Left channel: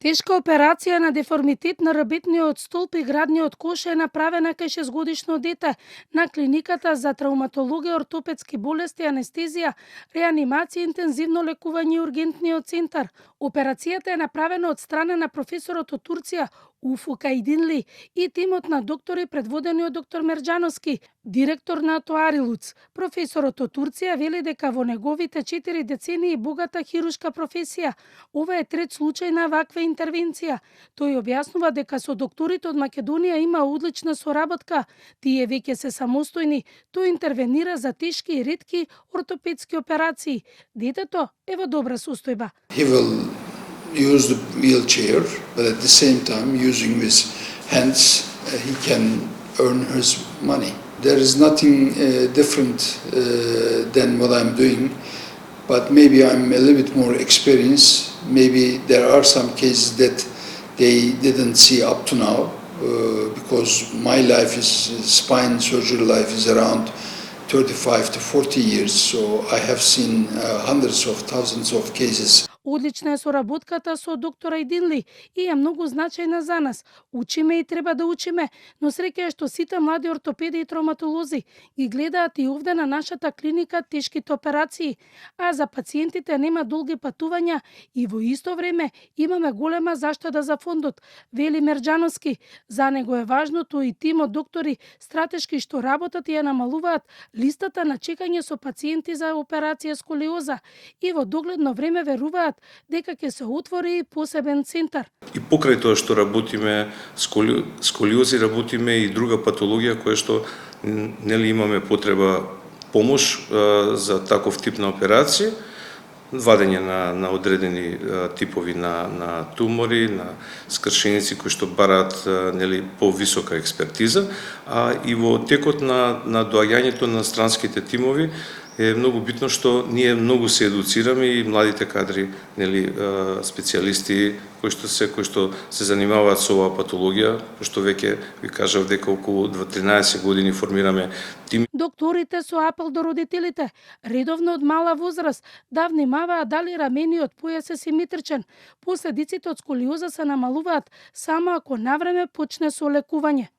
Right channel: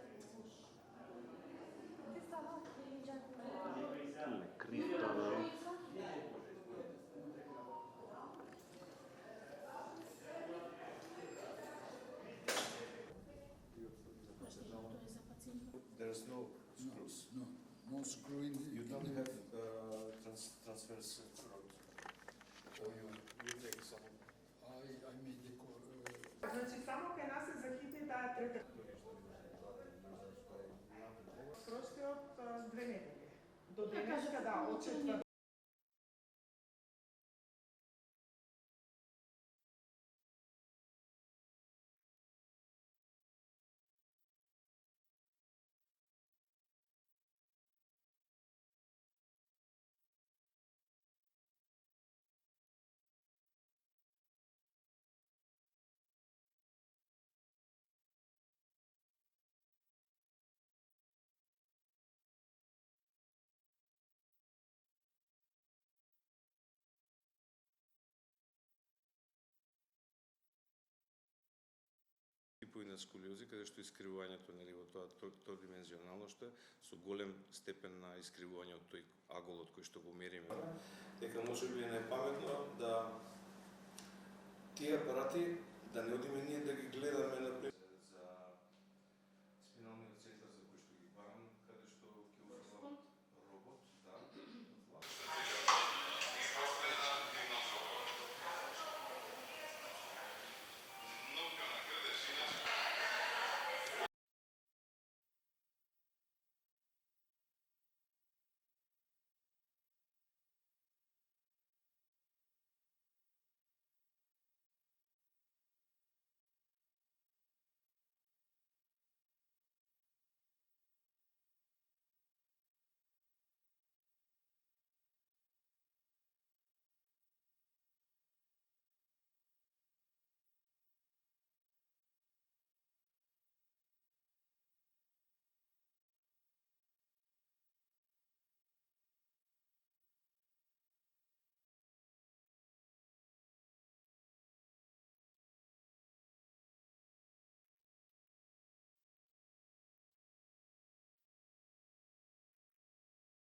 Тешка операција на деформитет на ребетниот столб и градниот кош е направена кај 6-годишно дете на клиниката за травматологија, ортопедски болести, анестезија, реанимација, интензивно лекување и ургентниот центар. Операцијата е направена од страна на професорот од Турција Уфук Айдинли и тимот на доктори предводени од доктор Мерџановски, директор на Тоарилуц. Професорот од Турција вели дека во неговите 4 децении богата хирушка професија, ова е трет случај на ваква интервенција. Тој објаснува дека со докторите од Македонија има одлична соработка. Тие веќе се самостојни. Тој интервенира за тешки и ретки ортопедски операции. Детето е во добра состојба. He will use the wheelchair, but at the same time, using his hands, he can earn his money. There is nothing different than what I'm doing, but maybe I'm a little bit more experienced. Maybe there are some cases that they didn't see up to now, because my life is, spine surgery life is around 35 to 40 years, so I have seen hundreds of thousands of cases. Одлична е соработката со доктор Айдинли и е многу значајна за нас. Учиме и треба да учиме, но среќа е што сите млади ортопеди и травматолози ги гледаат и овде на нашата клиника тешките операции, а за пациентите нема долги патувања и во исто време имаме голема заштеда за фондот, вели Мерџановски. За него е важно тој и тимот доктори стратешки што работат и ја намалуваат листата на чекање со пациенти за операција сколиоза и во догледно време веруваат дека ќе се отвори посебен центар. И покрај тоа што работиме сколиози, работиме и друга патологија која што нели имаме потреба помош за таков тип на операција, вадење на одредени типови на тумори, на скршеници кои што бараат нели повисока експертиза, а и во текот на доаѓањето на странските тимови е многу битно што ние многу се едуцираме и младите кадри, нели специјалисти кои што се занимаваат со оваа патологија, што веќе ви кажав дека околу 13 години формираме тим. Докторите со апел до родителите, редовно од мала возраст, да внимаваат дали рамениот појас е симетричен. Последиците од сколиоза се намалуваат само ако навреме почне со лекување.